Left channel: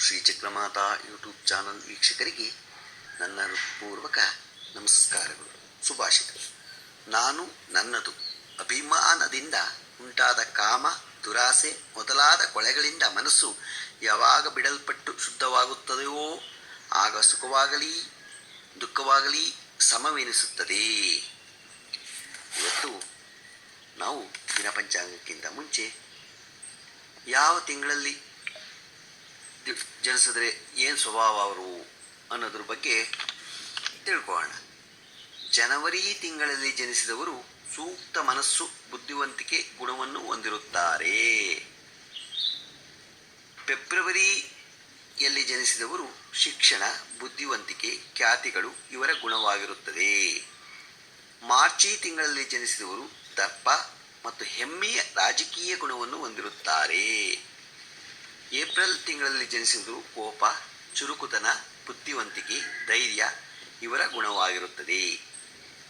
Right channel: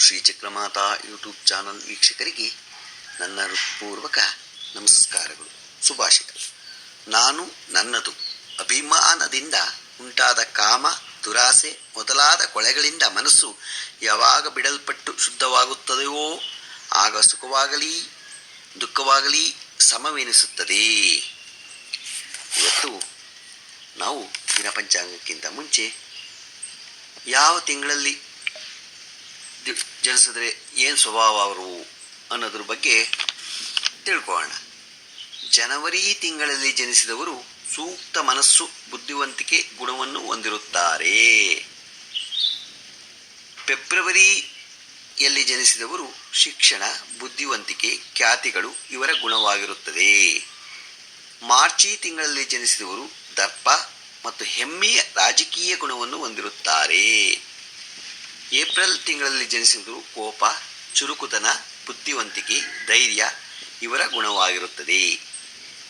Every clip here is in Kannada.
ಶ್ರೀ ಚಕ್ರಮಾತಾ ಯೂಟ್ಯೂಬ್ ಚಾನಲ್ ವೀಕ್ಷಕರಿಗೆ ನನ್ನ ಹೃತ್ಪೂರ್ವಕ ನಮಸ್ಕಾರಗಳು. ಸುಭಾಷಿತರು. ನಾನು ನನ್ನದು ಅಭಿಮಾನದಿಂದ ಉಂಟಾದ ಕಾಮ, ದುರಾಸೆ ಮೊದಲಾದ ಕೊಳೆಗಳಿಂದ ಮನಸ್ಸು ಯಾವಾಗ ಬಿಡಲ್ಪಟ್ಟು ಶುದ್ಧವಾಗುತ್ತದೆಯೋ ಆಗ ಸುಖವಾಗಲಿ, ದುಃಖವಾಗಲಿ ಸಮವೆನಿಸುತ್ತದೆ. ಇವತ್ತು ನಾವು ದಿನ ಪಂಚಾಂಗಕ್ಕಿಂತ ಮುಂಚೆ ಯಾವ ತಿಂಗಳಲ್ಲಿ ಜನಿಸಿದ್ರೆ ಏನು ಸ್ವಭಾವ ಅವರು ಅನ್ನೋದ್ರ ಬಗ್ಗೆ ತಿಳ್ಕೊಳ್ಳೋಣ. ಜನವರಿ ತಿಂಗಳಲ್ಲಿ ಜನಿಸಿದವರು ಸೂಕ್ತ ಮನಸ್ಸು, ಬುದ್ಧಿವಂತಿಕೆ, ಗುಣವನ್ನು ಹೊಂದಿರುತ್ತಾರೆ. ಫೆಬ್ರವರಿಯಲ್ಲಿ ಜನಿಸಿದವರು ಶಿಕ್ಷಣ, ಬುದ್ಧಿವಂತಿಕೆ, ಖ್ಯಾತಿಗಳು ಇವರ ಗುಣವಾಗಿರುತ್ತದೆ. ಮಾರ್ಚಿ ತಿಂಗಳಲ್ಲಿ ಜನಿಸಿದವರು ದರ್ಪ ಮತ್ತು ಹೆಮ್ಮೆಯ ರಾಜಕೀಯ ಗುಣವನ್ನು ಹೊಂದಿರುತ್ತಾರೆ. ಏಪ್ರಿಲ್ ತಿಂಗಳಲ್ಲಿ ಜನಿಸಿದ್ದು ಕೋಪ, ಚುರುಕುತನ, ಬುದ್ಧಿವಂತಿಕೆ, ಧೈರ್ಯ ಇವರ ಗುಣವಾಗಿರುತ್ತದೆ.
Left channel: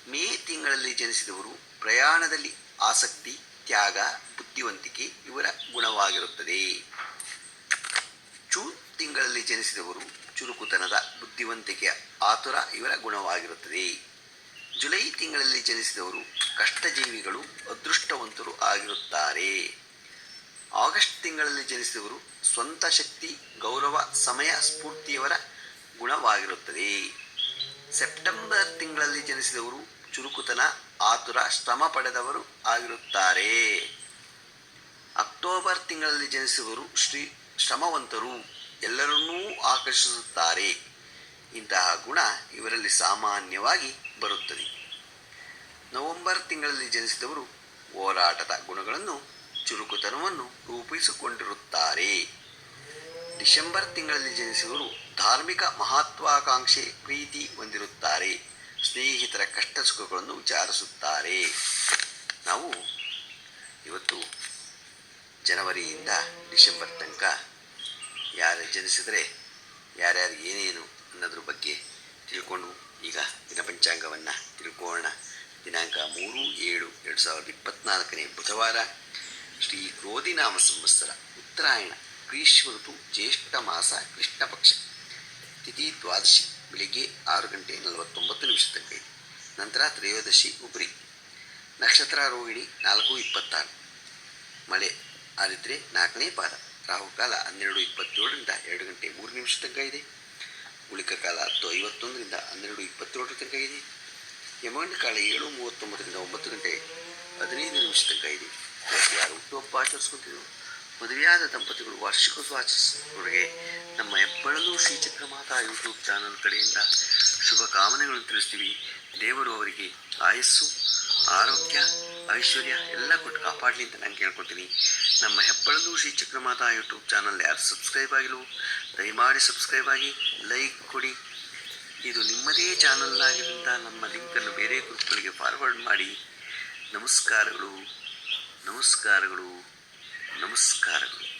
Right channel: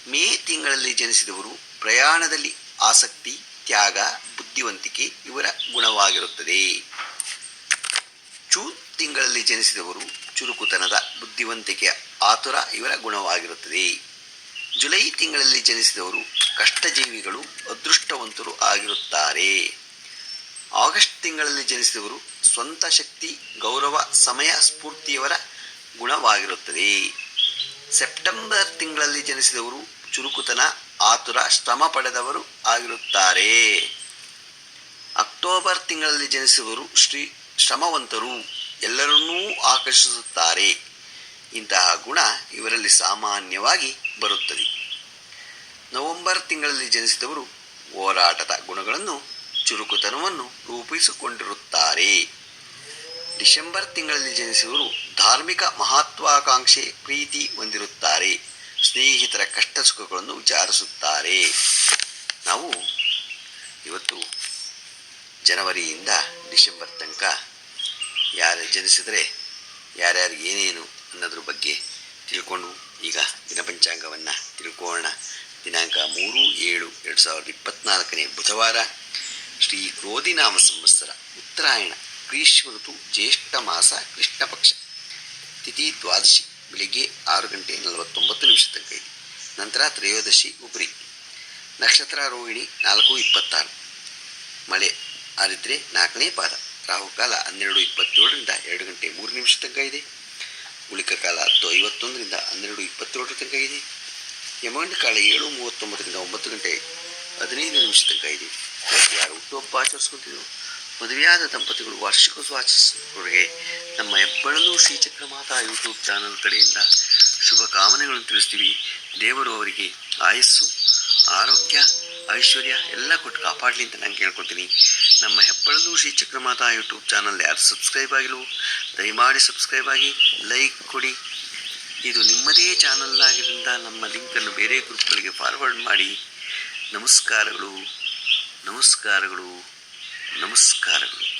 ಮೇ ತಿಂಗಳಲ್ಲಿ ಜನಿಸಿದವರು ಪ್ರಯಾಣದಲ್ಲಿ ಆಸಕ್ತಿ, ತ್ಯಾಗ, ಬುದ್ಧಿವಂತಿಕೆ ಇವರ ಗುಣವಾಗಿರುತ್ತದೆ. ಜೂನ್ ತಿಂಗಳಲ್ಲಿ ಜನಿಸಿದವರು ಚುರುಕುತನದ, ಬುದ್ಧಿವಂತಿಕೆಯ ಆತುರ ಇವರ ಗುಣವಾಗಿರುತ್ತದೆ. ಜುಲೈ ತಿಂಗಳಲ್ಲಿ ಜನಿಸಿದವರು ಕಷ್ಟಜೀವಿಗಳು, ಅದೃಷ್ಟವಂತರು ಆಗಿರುತ್ತಾರೆ. ಆಗಸ್ಟ್ ತಿಂಗಳಲ್ಲಿ ಜನಿಸಿದವರು ಸ್ವಂತ ಶಕ್ತಿ, ಗೌರವ, ಸಮಯ, ಸ್ಫೂರ್ತಿಯವರ ಗುಣವಾಗಿರುತ್ತದೆ. ಸೆಪ್ಟೆಂಬರ್ ತಿಂಗಳಲ್ಲಿ ಜನಿಸಿದವರು ಚುರುಕುತನ, ಆತುರ, ಶ್ರಮ ಪಡೆದವರು ಆಗಿರುತ್ತಾರೆ. ಅಕ್ಟೋಬರ್ ತಿಂಗಳಲ್ಲಿ ಜನಿಸಿದವರು ಶ್ರೀ ಶ್ರಮವಂತರು. ಎಲ್ಲರನ್ನೂ ಆಕರ್ಷಿಸುತ್ತಾರೆ. ಇಂತಹ ಗುಣ ಇವರಲ್ಲಿ ಸಾಮಾನ್ಯವಾಗಿ ಬರುತ್ತದೆ. ನವೆಂಬರ್ ತಿಂಗಳಲ್ಲಿ ಜನಿಸಿದವರು ಹೋರಾಟದ ಗುಣಗಳನ್ನು, ಚುರುಕುತನವನ್ನು ರೂಪಿಸಿಕೊಂಡಿರುತ್ತಾರೆ. ಡಿಸೆಂಬರ್ ತಿಂಗಳಲ್ಲಿ ಜನಿಸಿದವರು ಧಾರ್ಮಿಕ ಮಹತ್ವಾಕಾಂಕ್ಷೆ ಪ್ರೀತಿ ಹೊಂದಿರುತ್ತಾರೆ. ಸ್ನೇಹಿತರ ಕಷ್ಟ ಸುಖಗಳನ್ನು ವಿಚಾರಿಸುತ್ತಾರೆ. ನಾವು ಇವತ್ತು ಜನವರಿಯಿಂದ ಡಿಸೆಂಬರ್ ತನಕ ಯಾರು ಜನಿಸಿದರೆ ಯಾರ್ಯಾರು ಏನೇನು ಅನ್ನೋದ್ರ ಬಗ್ಗೆ ತಿಳ್ಕೊಂಡು ಈಗ ದಿನಪಂಚಾಂಗವನ್ನು ತಿಳ್ಕೋಣ. ದಿನಾಂಕ ಮೂರು ಏಳು ಎರಡು ಸಾವಿರದ ಇಪ್ಪತ್ತ್ನಾಲ್ಕನೇ ಬುಧವಾರ ಶ್ರೀ ಕ್ರೋಧಿನಾಮ ಸಂವತ್ಸರ ಉತ್ತರಾಯಣ. ಗ್ರೀಷ್ಮ ಋತು ಜ್ಯೇಷ್ಠ ಮಾಸ ಕೃಷ್ಣ ಪಕ್ಷ. ತಿಥಿ ದ್ವಾದಶಿ ಬೆಳಿಗ್ಗೆ ಆರು ಗಂಟೆ ನಲವತ್ತೊಂಬತ್ತು ನಿಮಿಷ ತನಕ ನಂತರ ತ್ರಯೋದಶಿ ಉಬ್ರಿ ನಕ್ಷತ್ರ ರೋಹಿಣಿ ನಾಲ್ಕು ಇಪ್ಪತ್ತಾರು. ಮಳೆ ಆದಿದ್ರೆ ನಾಲ್ಕನೇ ಪಾದ. ರಾಹುಕಾಲ ಹನ್ನೆರಡು ಇಪ್ಪತ್ತೇಳರಿಂದ ಎರಡು ಗಂಟೆ ಮೂರು ನಿಮಿಷ ತನಕ ಇದೆ. ಉಳಿಕ ಕಾಲ ಹತ್ತು ಐವತ್ತೊಂದರಿಂದ ಹನ್ನೆರಡು ಇಪ್ಪತ್ತೇಳರ ತನಕ ಇದೆ. ಯಮಾಂಡ ಕಾಲ ಏಳು ಮೂವತ್ತೊಂಬತ್ತರಿಂದ ಒಂಬತ್ತು ಗಂಟೆ ಹದಿನೈದು ನಿಮಿಷ ತನಕ ಇದೆ ಯಾರು ಹುಟ್ಟುಹಬ್ಬ ಆಚರಿಸ್ಕೊತಿದ್ರು ಮದುವೆಯಾದ ದಂಪತಿಗಳು ವಾರ್ಷಿಕೋತ್ಸವ ಆಚರಿಸುವವರಿಗೆ ನಮ್ಮ ಹೆಬ್ಬಳಲು ಮಾತಾ ಯೂಟ್ಯೂಬ್ ಚಾನಲ್ ಕಡೆಯಿಂದ ಶುಭ ಕಾಮನೆಗಳನ್ನು ತಿಳಿಸ್ತೀವಿ. ದೇವರು ಅವರಿಗೆ ಆಯಸ್ಸು, ಆರೋಗ್ಯ, ಐಶ್ವರ್ಯ ಎಲ್ಲ ಕೊಟ್ಟು ಕಾಪಾಡಲಿ ಅಂತ ನಾನು ಕೇಳ್ಕೊತೀನಿ ನಮ್ಮ ಹೆಬ್ಬಳಲು ಶ್ರೀ ಚಕ್ರಮಾತಾ ಯೂಟ್ಯೂಬ್ ಚಾನಲ್ ಯಾರು ಸಬ್ಸ್ಕ್ರೈಬ್ ಆಗಿಲ್ಲ ದಯಮಾಡಿ ಸಬ್ಸ್ಕ್ರೈಬ್ ಆಗಿ ಲೈಕ್ ಕೊಡಿ. ಇದು ನಿಮ್ಮದೇ ಚಾನಲ್ ಆಗಿದ್ದರಿಂದ ನಮ್ಮ ಲಿಂಕನ್ನು ಬೇರೆ ಗ್ರೂಪ್ಗಳಿಗೆ ಫಾರ್ವರ್ಡ್ ಮಾಡಿ. ನಮಸ್ಕಾರಗಳು. ನಮಸ್ಕಾರಗಳು. ನಮಸ್ಕಾರಗಳು